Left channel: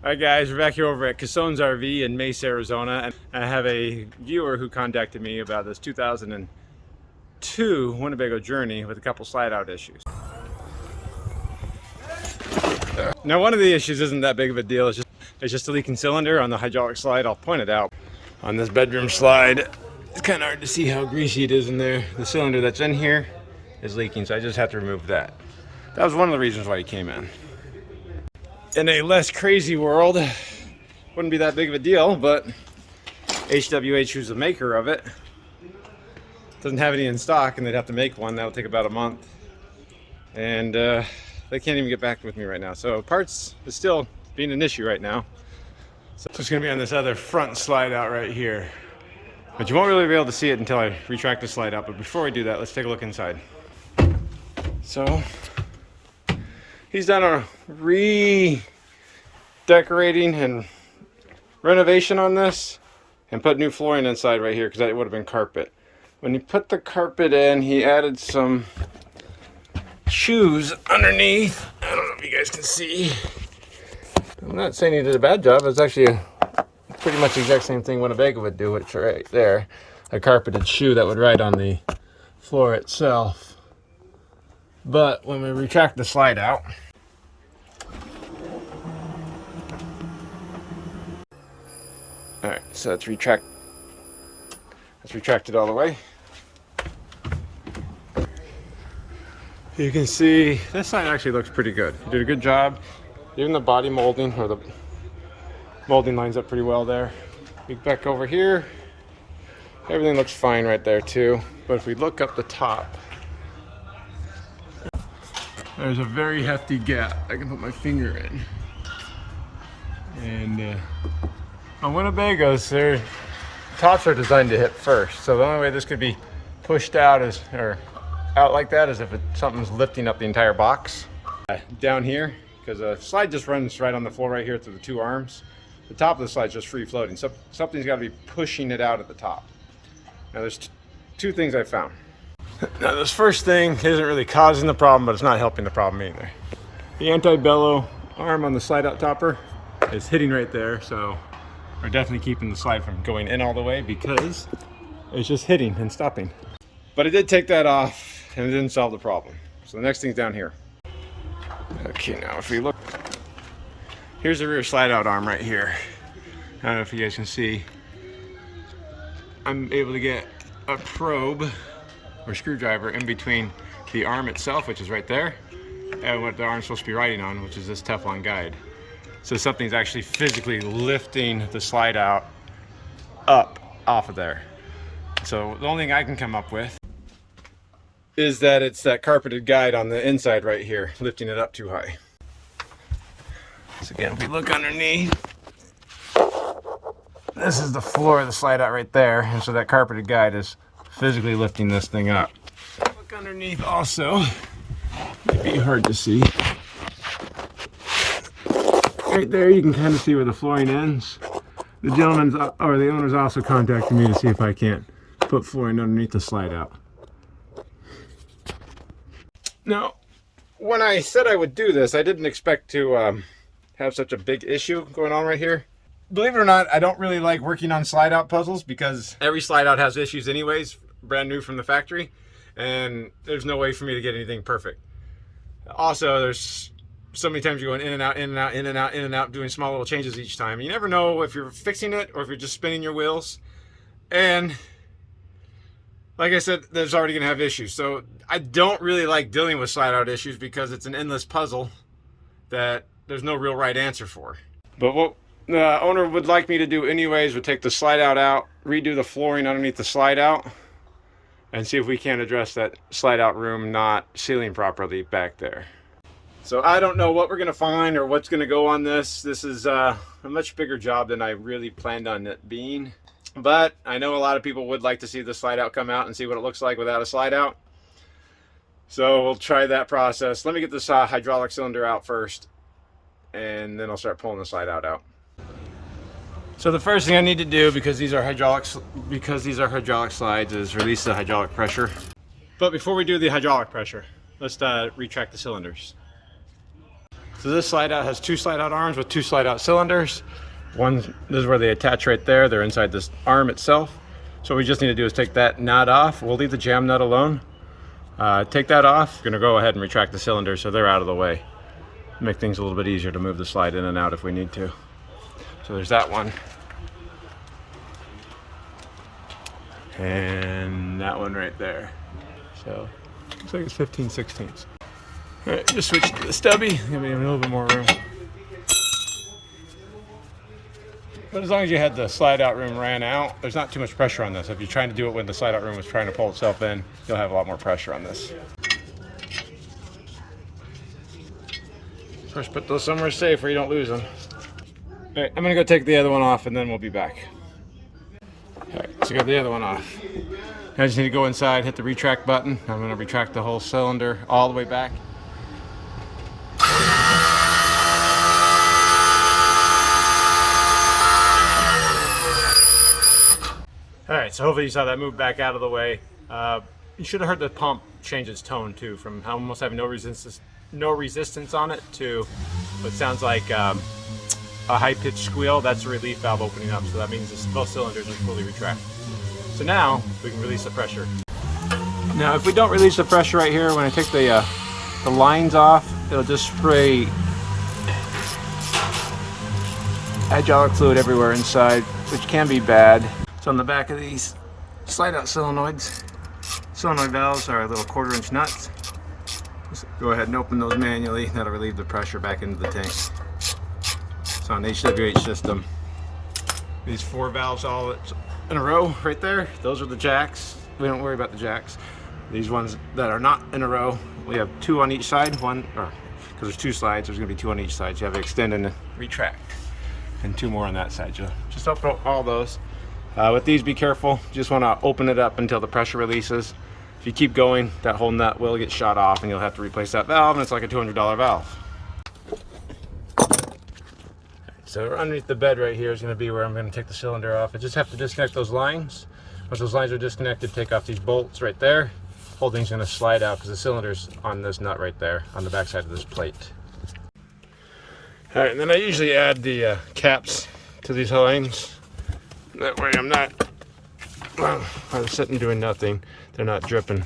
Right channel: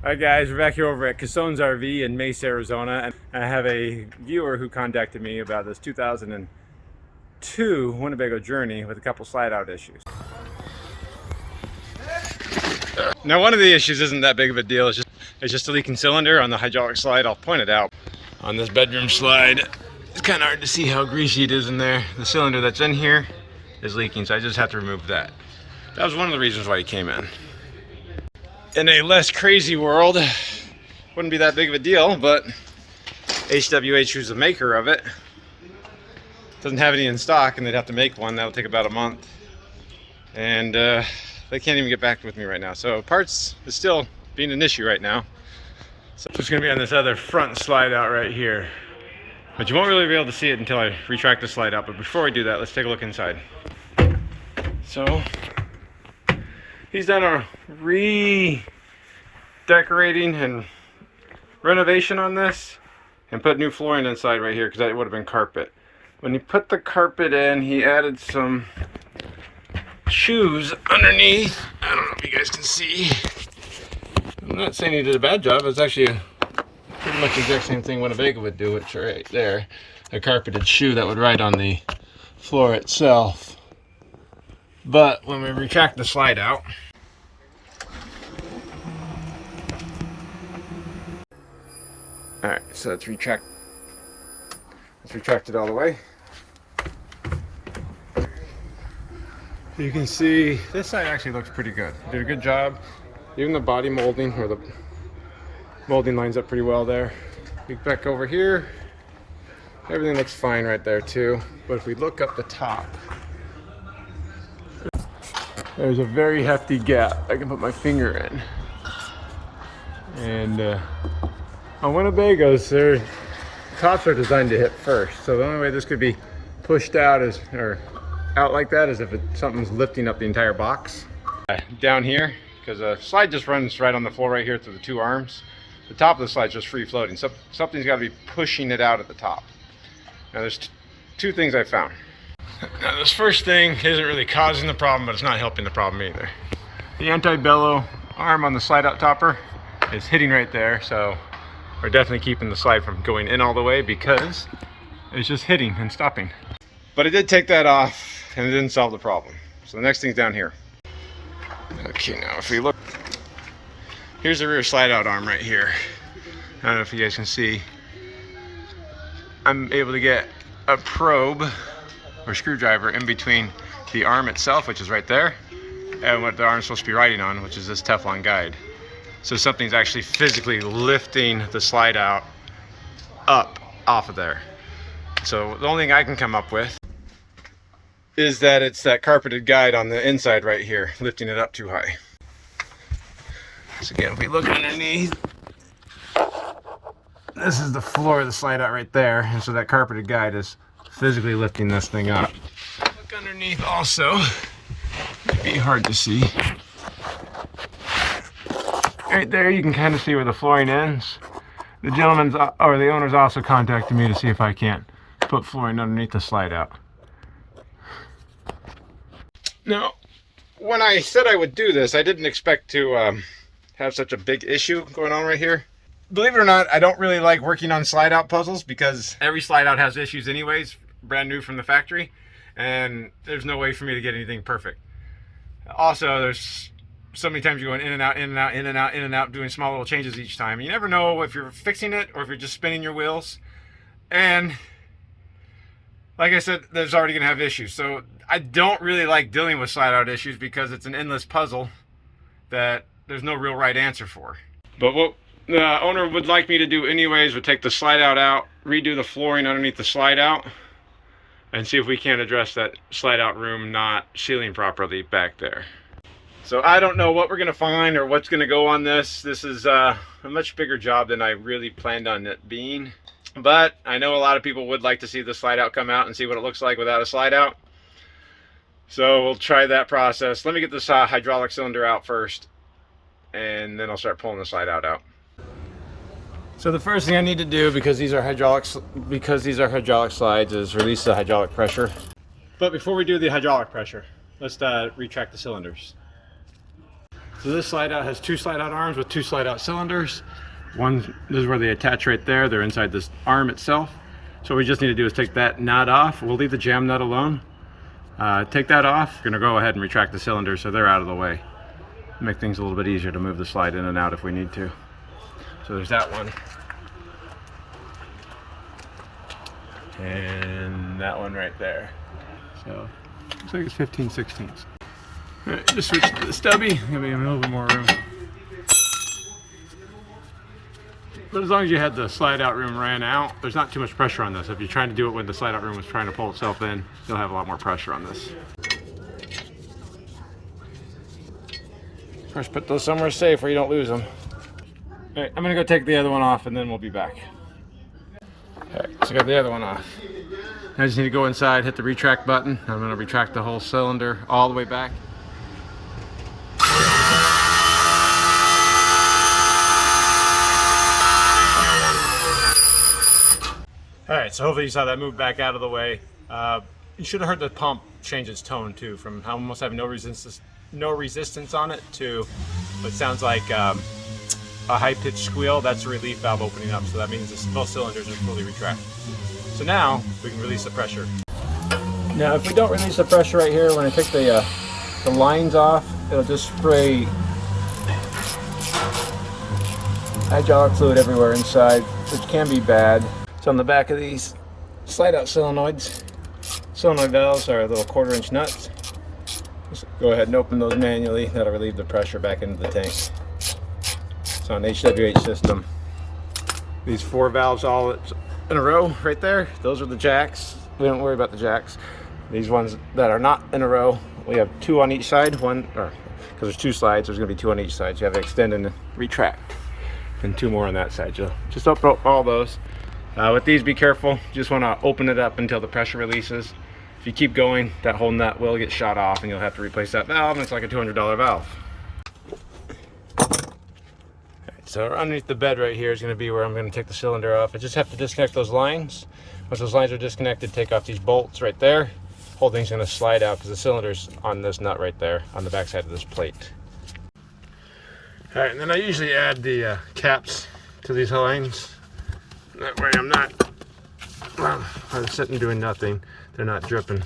Alright guys, we're back here over at Casone's RV in Mesa, Arizona, and I have a viewer who contacted me about this 2002 Winnebago Journey with a couple slide out issues. Now one of the issues isn't that big of a deal, it's just a leaking cylinder on the hydraulic slide. I'll point it out. On this bedroom slide, it's kind of hard to see how greasy it is in there. The cylinder that's in here is leaking, so I just have to remove that. That was one of the reasons why he came in. In a less crazy world, wouldn't be that big of a deal, but HWH, who's the maker of it, doesn't have any in stock, and they'd have to make one. That'll take about a month, and they can't even get back with me right now. So parts is still being an issue right now. So it's going to be on this other front slide out right here, but you won't really be able to see it until I retract the slide out. But before we do that, let's take a look inside. So he's done a redecorating and renovation on this and put new flooring inside right here because that would have been carpet. When he put the carpet in, he added some shoes underneath. I don't know if you guys can see. I'm not saying he did a bad job. It's actually pretty much the exact same thing Winnebago would do. It's right there, a carpeted shoe that would ride on the floor itself. But when we retract the slide out, all right, so let's retract it all the way. You can see this side actually looks pretty good. You did a good job. Even the body molding, or the molding lines up pretty well there. Look back over here, everything looks fine right there too. But if we look up the top, there's a very hefty gap I can put my finger in. And on Winnebagos, their tops are designed to hit first. So the only way this could be pushed out or out like that is if something's lifting up the entire box. Down here, because the slide just runs right on the floor right here through the two arms. The top of the slide's just free floating. So something's got to be pushing it out at the top. Now there's two things I found. Now this first thing isn't really causing the problem, but it's not helping the problem either. The anti-bellow arm on the slide out topper is hitting right there, so we're definitely keeping the slide from going in all the way because it's just hitting and stopping. But it did take that off and it didn't solve the problem. So the next thing's down here. Okay, now if we look, here's the rear slide out arm right here. I don't know if you guys can see. I'm able to get a probe or screwdriver in between the arm itself, which is right there, and what the arm's supposed to be riding on, which is this Teflon guide. So something's actually physically lifting the slide out up off of there. So the only thing I can come up with is that it's that carpeted guide on the inside right here, lifting it up too high. So again, if we look underneath, this is the floor of the slide out right there, and so that carpeted guide is physically lifting this thing up. Look underneath also, it'd be hard to see. Right there, you can kind of see where the flooring ends. The the owner's also contacted me to see if I can't put flooring underneath the slide out. Now, when I said I would do this, I didn't expect to have such a big issue going on right here. Believe it or not, I don't really like working on slide out puzzles because every slide out has issues anyways, brand new from the factory, and there's no way for me to get anything perfect. Also, there's so many times you're going in and out, in and out, in and out, in and out, doing small little changes each time. You never know if you're fixing it or if you're just spinning your wheels. And like I said, there's already going to have issues. So I don't really like dealing with slide out issues because it's an endless puzzle that there's no real right answer for. But what the owner would like me to do anyways would take the slide out, redo the flooring underneath the slide out, and see if we can't address that slide out room not sealing properly back there. So I don't know what we're gonna find or what's gonna go on this. This is a much bigger job than I really planned on it being. But I know a lot of people would like to see the slide out come out and see what it looks like without a slide out. So we'll try that process. Let me get this hydraulic cylinder out first, and then I'll start pulling the slide out. So the first thing I need to do, because these are hydraulic slides, is release the hydraulic pressure. But before we do the hydraulic pressure, let's retract the cylinders. So this slide out has 2 slide out arms with 2 slide out cylinders. One, this is where they attach right there. They're inside this arm itself. So what we just need to do is take that nut off. We'll leave the jam nut alone. Take that off. We're gonna go ahead and retract the cylinders so they're out of the way. Make things a little bit easier to move the slide in and out if we need to. So there's that one. And that one right there. So looks like it's 15/16. All right, just switch to the stubby. Gonna be a little bit more room. But as long as you had the slide out room ran out, there's not too much pressure on this. If you're trying to do it when the slide out room was trying to pull itself in, you'll have a lot more pressure on this. First, put those somewhere safe where you don't lose them. All right, I'm gonna go take the other one off and then we'll be back. All right, so I got the other one off. I just need to go inside, hit the retract button. I'm gonna retract the whole cylinder all the way back. All right, so hopefully you saw that move back out of the way. You should have heard the pump change its tone too, from almost having no resistance on it to what sounds like a high-pitched squeal. That's a relief valve opening up, so that means both cylinders are fully retracted. So now we can release the pressure. Now, if we don't release the pressure right here, when I take the lines off, it'll just spray hydraulic fluid everywhere inside, which can be bad. So on the back of these slide out solenoids, solenoid valves are little 1/4-inch nuts. Just go ahead and open those manually. That'll relieve the pressure back into the tank. So on the HWH system, these 4 valves all in a row right there, those are the jacks. We don't worry about the jacks. These ones that are not in a row, we have 2 on each side. One, or because there's 2 slides, there's gonna be 2 on each side. So you have to extend and retract, and 2 more on that side. So just open up all those. With these, be careful. You just want to open it up until the pressure releases. If you keep going, that whole nut will get shot off and you'll have to replace that valve, and it's like a $200 valve. So underneath the bed right here is going to be where I'm going to take the cylinder off. I just have to disconnect those lines. Once those lines are disconnected, take off these bolts right there. Whole thing's going to slide out because the cylinder's on this nut right there on the back side of this plate. All right, and then I usually add the caps to these lines. That way I'm not, well, I'm sitting doing nothing. They're not dripping.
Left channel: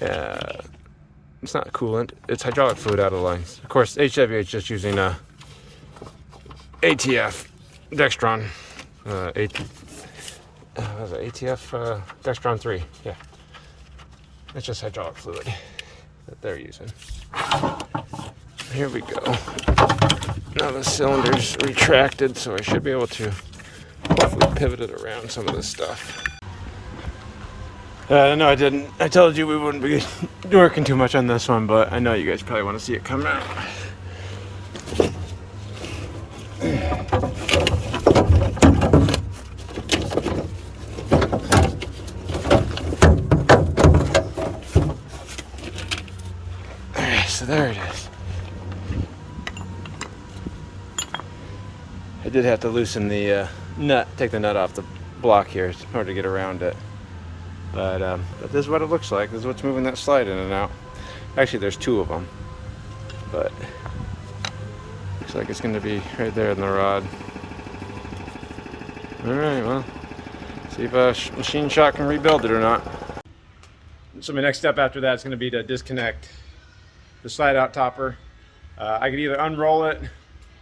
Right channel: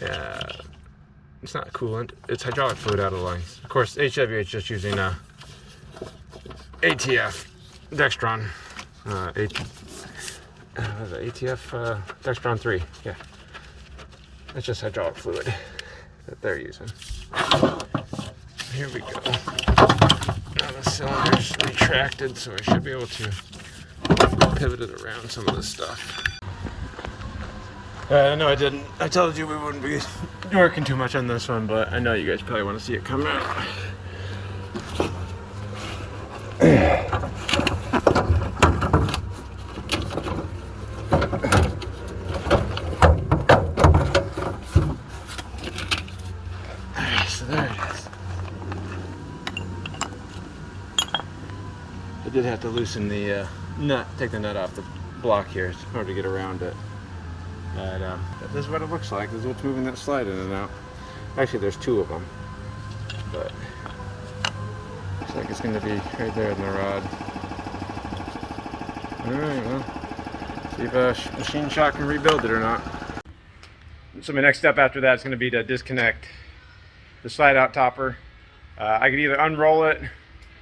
It's not coolant, it's hydraulic fluid out of the lines. Of course, HWH is just using ATF Dextron. ATF Dextron 3, yeah. It's just hydraulic fluid that they're using. Here we go. Now the cylinder's retracted, so I should be able to hopefully pivot it around some of this stuff. No, I didn't. I told you we wouldn't be working too much on this one, but I know you guys probably want to see it come out. Alright, so there it is. I did have to loosen the nut, take the nut off the block here in order to get around it. But this is what it looks like. This is what's moving that slide in and out. Actually, there's 2 of them, but looks like it's going to be right there in the rod. All right, well, see if a machine shop can rebuild it or not. So my next step after that is going to be to disconnect the slide out topper. I could either unroll it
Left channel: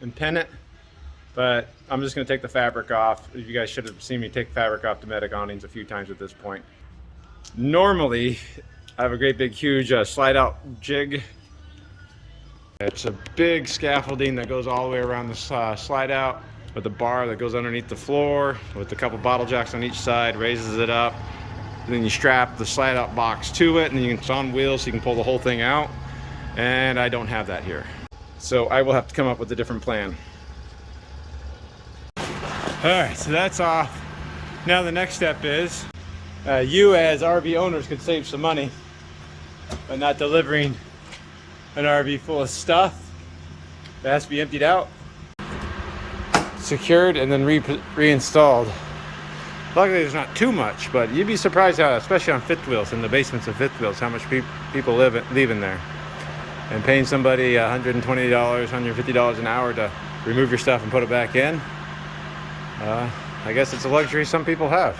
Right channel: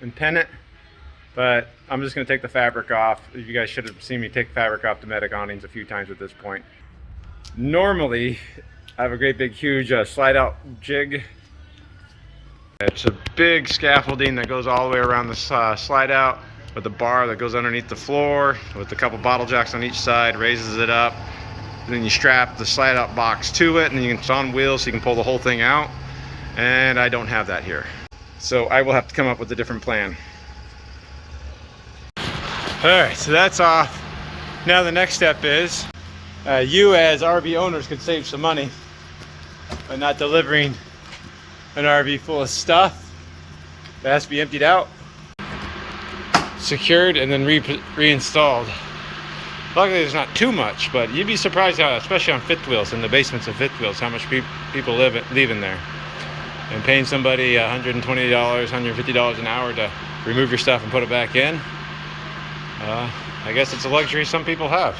and pin it, but I'm just going to take the fabric off. You guys should have seen me take fabric off Dometic awnings a few times at this point. Normally, I have a great big huge slide out jig. It's a big scaffolding that goes all the way around the slide out with a bar that goes underneath the floor with a couple bottle jacks on each side, raises it up. Then you strap the slide out box to it, and it's on wheels so you can pull the whole thing out. And I don't have that here. So I will have to come up with a different plan. Alright, so that's off. Now the next step is, you as RV owners could save some money by not delivering an RV full of stuff that has to be emptied out, secured, and then reinstalled. Luckily there's not too much, but you'd be surprised how, especially on fifth wheels, in the basements of fifth wheels, how much people leave in there. and paying somebody $120, $150 an hour to remove your stuff and put it back in, I guess it's a luxury some people have.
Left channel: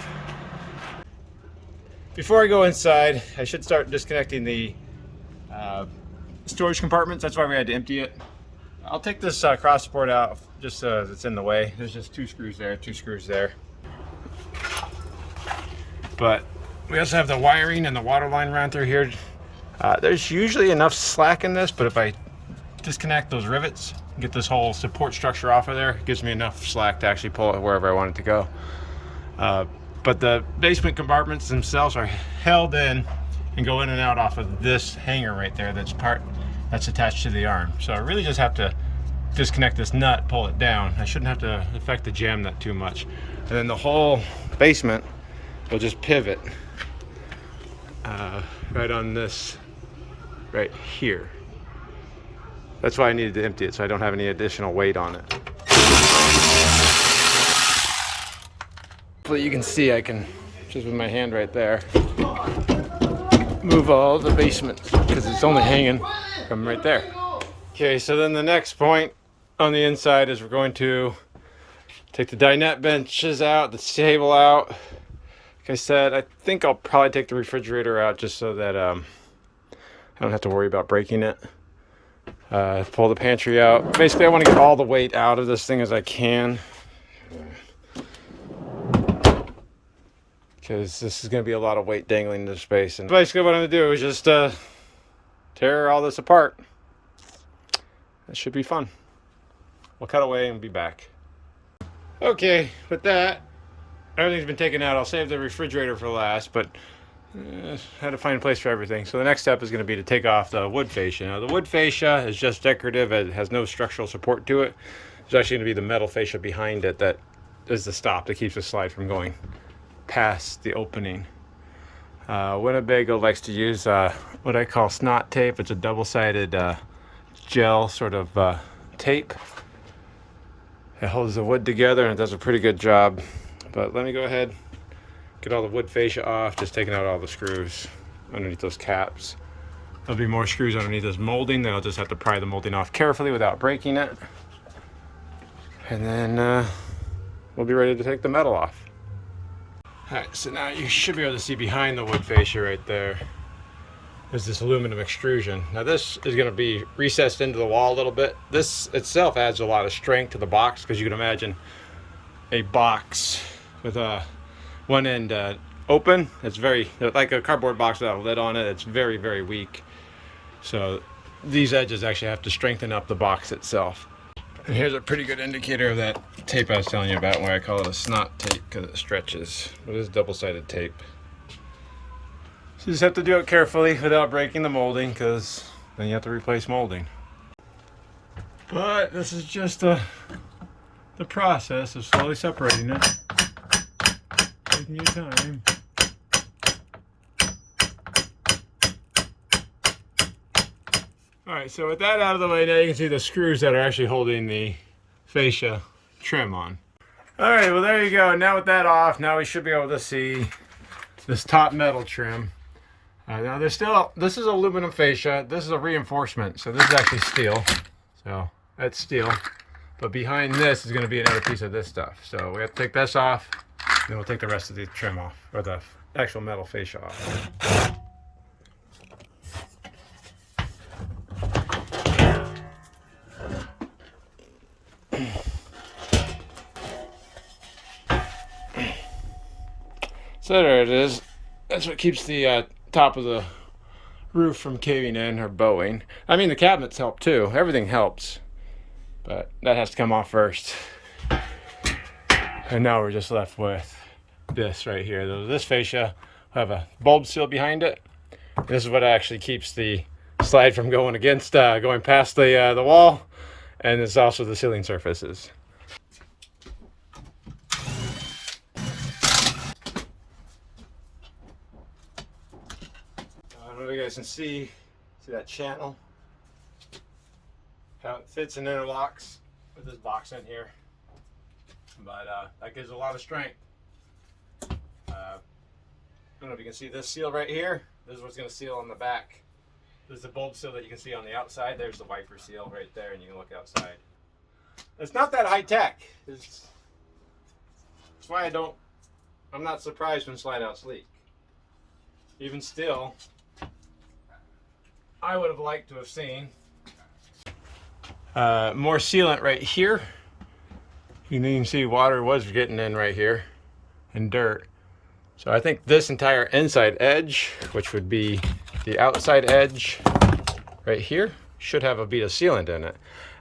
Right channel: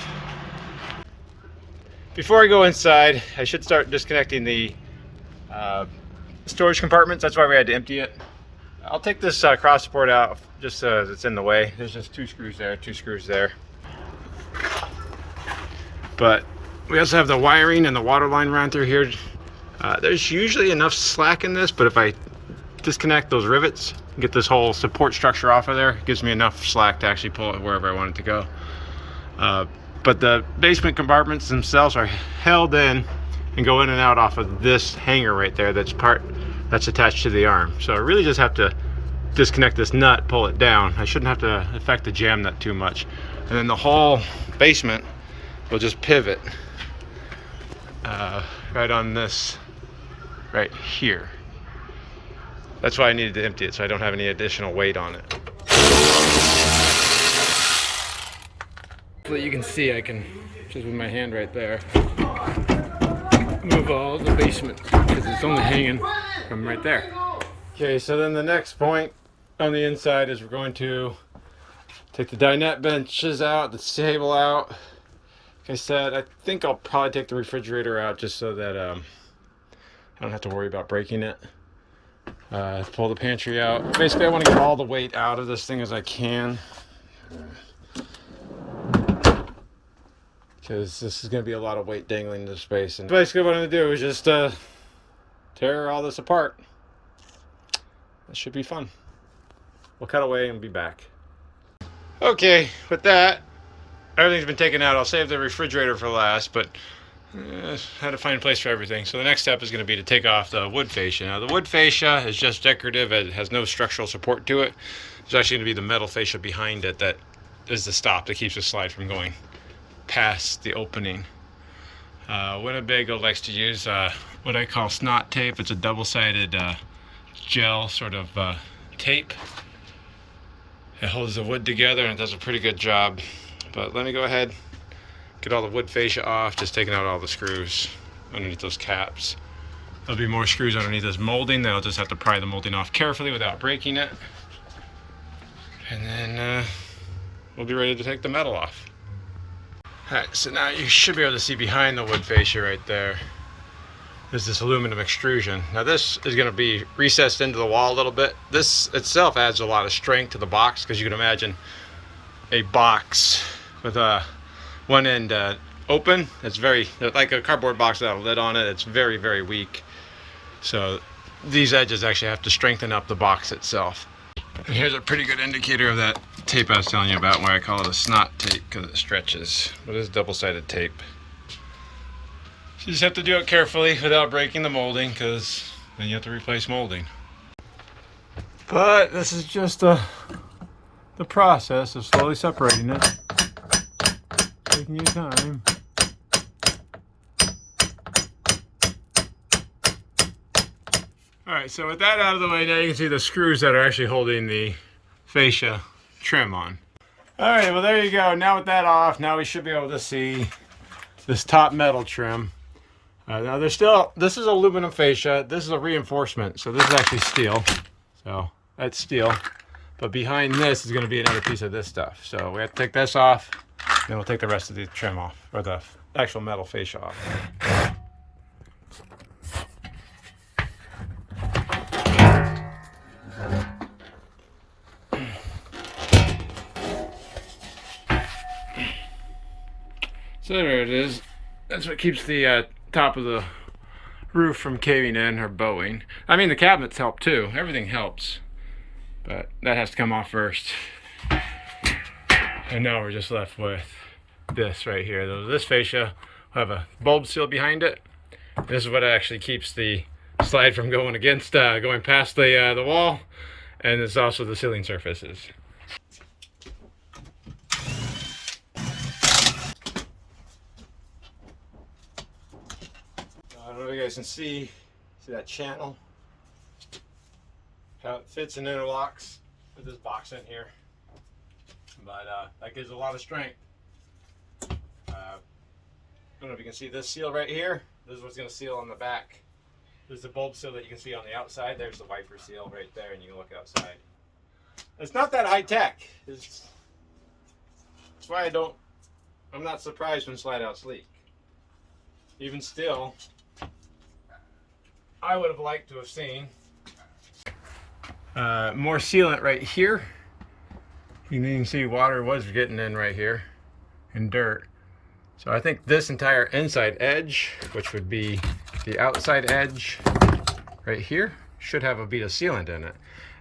Before I go inside, I should start disconnecting the storage compartments. That's why we had to empty it. I'll take this cross support out just as it's in the way. There's just 2 screws there, 2 screws there. But we also have the wiring and the water line run through here. There's usually enough slack in this, but if I disconnect those rivets, get this whole support structure off of there, it gives me enough slack to actually pull it wherever I want it to go. But the basement compartments themselves are held in and go in and out off of this hanger right there that's attached to the arm. So I really just have to disconnect this nut, pull it down. I shouldn't have to affect the jam nut too much. And then the whole basement will just pivot right on this right here. That's why I needed to empty it, so I don't have any additional weight on it. Hopefully you can see, I can, just with my hand right there, move all the basement because it's only hanging from right there. Okay, so then the next point on the inside is we're going to take the dinette benches out, the table out. Like I said, I think I'll probably take the refrigerator out just so that I don't have to worry about breaking it. Pull the pantry out. Basically, I want to get all the weight out of this thing as I can, because this is going to be a lot of weight dangling in this space. And basically what I'm going to do is just tear all this apart. It should be fun. We'll cut away and be back. Okay, with that, everything's been taken out. I'll save the refrigerator for last, but had to find a place for everything. So the next step is going to be to take off the wood fascia. Now the wood fascia is just decorative. It has no structural support to it. There's actually going to be the metal fascia behind it that is the stop that keeps the slide from going past the opening. Winnebago likes to use what I call snot tape. It's a double-sided gel sort of tape. It holds the wood together and it does a pretty good job. But let me go ahead, get all the wood fascia off, just taking out all the screws underneath those caps. There'll be more screws underneath this molding, then I'll just have to pry the molding off carefully without breaking it. And then we'll be ready to take the metal off. Alright, so now you should be able to see behind the wood fascia right there. There's this aluminum extrusion. Now this is going to be recessed into the wall a little bit. This itself adds a lot of strength to the box, because you can imagine a box with one end open. It's very, like a cardboard box without a lid on it. It's very, very weak. So these edges actually have to strengthen up the box itself. And here's a pretty good indicator of that tape I was telling you about, why I call it a snot tape, because it stretches. But it is double-sided tape. So you just have to do it carefully without breaking the molding, because then you have to replace molding. But this is just the process of slowly separating it. Taking your time. Alright, so with that out of the way, now you can see the screws that are actually holding the fascia trim on. Alright, well there you go. Now with that off, now we should be able to see this top metal trim. Now there's still, this is aluminum fascia, this is a reinforcement, so this is actually steel. So that's steel. But behind this is going to be another piece of this stuff. So we have to take this off, then we'll take the rest of the trim off, or the actual metal fascia off. So there it is. That's what keeps the top of the roof from caving in or bowing. I mean, the cabinets help too. Everything helps. But that has to come off first. And now we're just left with this right here. This fascia will have a bulb seal behind it. This is what actually keeps the slide from going against, going past the wall. And it's also the ceiling surfaces. I don't know if you guys can see that channel, how it fits and interlocks with this box in here, but that gives a lot of strength. I don't know if you can see this seal right here. This is what's going to seal on the back There's the bulb seal that you can see on the outside. There's the wiper seal right there, and you can look outside. It's not that high tech. That's why I'm not surprised when slide outs leak. Even still, I would have liked to have seen more sealant right here. You can see water was getting in right here and dirt. So I think this entire inside edge, which would be the outside edge right here, should have a bead of sealant in it.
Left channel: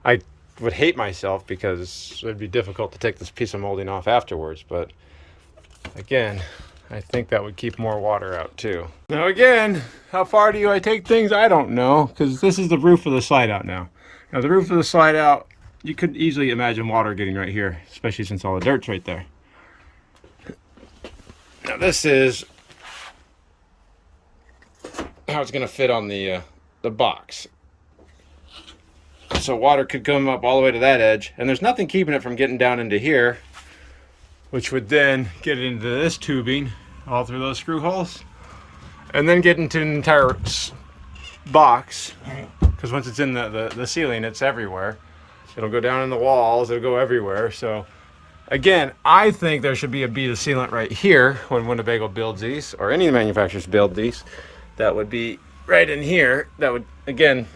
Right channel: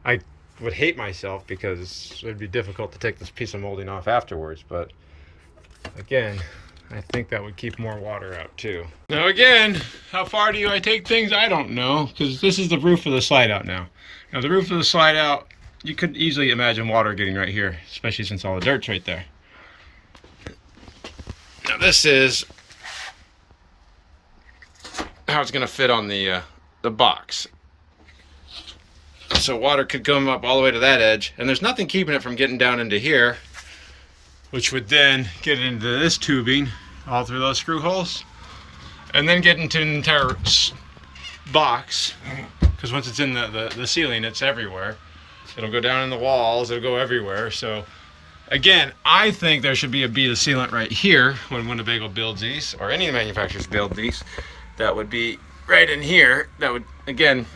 I would hate myself because it would be difficult to take this piece of molding off afterwards, but again, I think that would keep more water out too. Now again, how far do I take things? I don't know, because this is the roof of the slide out now. Now the roof of the slide out, you could easily imagine water getting right here, especially since all the dirt's right there. Now this is how it's gonna fit on the box. So water could come up all the way to that edge, and there's nothing keeping it from getting down into here, which would then get into this tubing all through those screw holes, and then get into an entire box, because once it's in the ceiling, it's everywhere. It'll go down in the walls, it'll go everywhere. So again, I think there should be a bead of sealant right here when Winnebago builds these, or any manufacturers build these. That would be right in here. That would, again,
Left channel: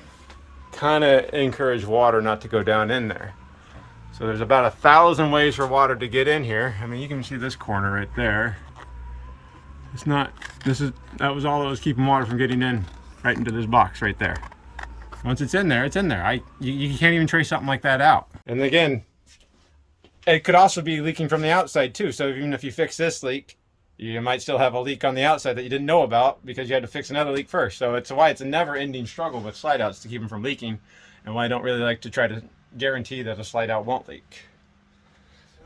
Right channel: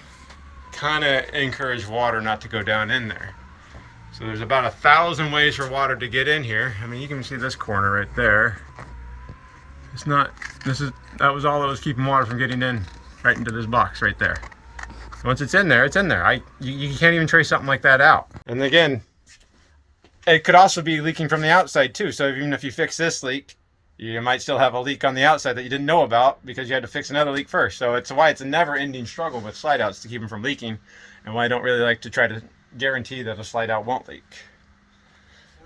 kind of encourage water not to go down in there. So there's about 1,000 ways for water to get in here. I mean, you can see this corner right there. It's not, that was all that was keeping water from getting in right into this box right there. Once it's in there, it's in there. You can't even trace something like that out. And again, it could also be leaking from the outside too. So even if you fix this leak, you might still have a leak on the outside that you didn't know about because you had to fix another leak first. So it's why it's a never-ending struggle with slide outs to keep them from leaking, and why I don't really like to try to guarantee that a slide out won't leak.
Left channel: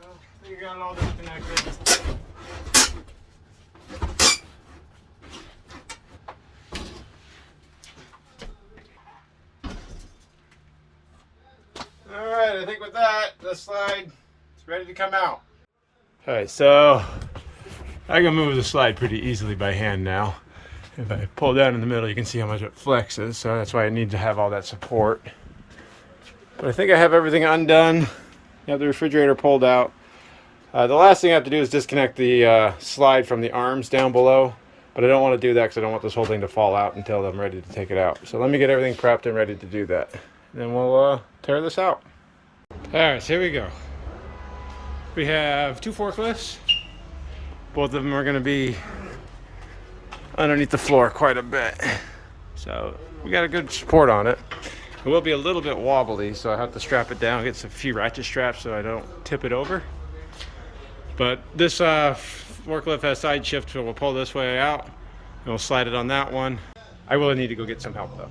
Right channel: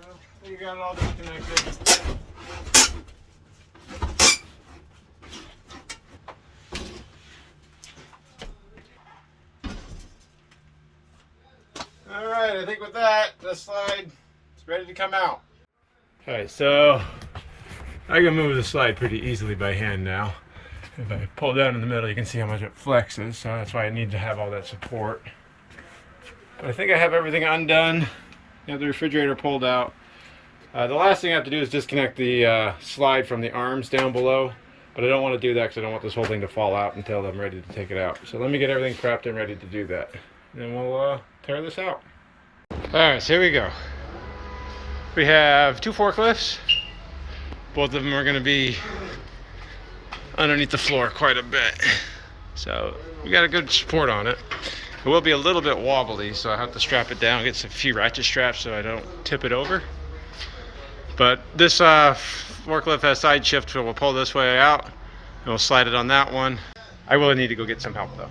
Well, I think you got it all disconnected. All right, I think with that, the slide is ready to come out. All right, so I can move the slide pretty easily by hand now. If I pull down in the middle, you can see how much it flexes, so that's why I need to have all that support. But I think I have everything undone. I have the refrigerator pulled out. The last thing I have to do is disconnect the slide from the arms down below, but I don't want to do that because I don't want this whole thing to fall out until I'm ready to take it out. So let me get everything prepped and ready to do that. Then we'll tear this out. All right, so here we go. We have 2 forklifts. Both of them are going to be underneath the floor quite a bit. So we got a good support on it. It will be a little bit wobbly, so I have to strap it down, get a few ratchet straps so I don't tip it over. But this forklift has side shift, so we'll pull this way out and we'll slide it on that one. I will need to go get some help though.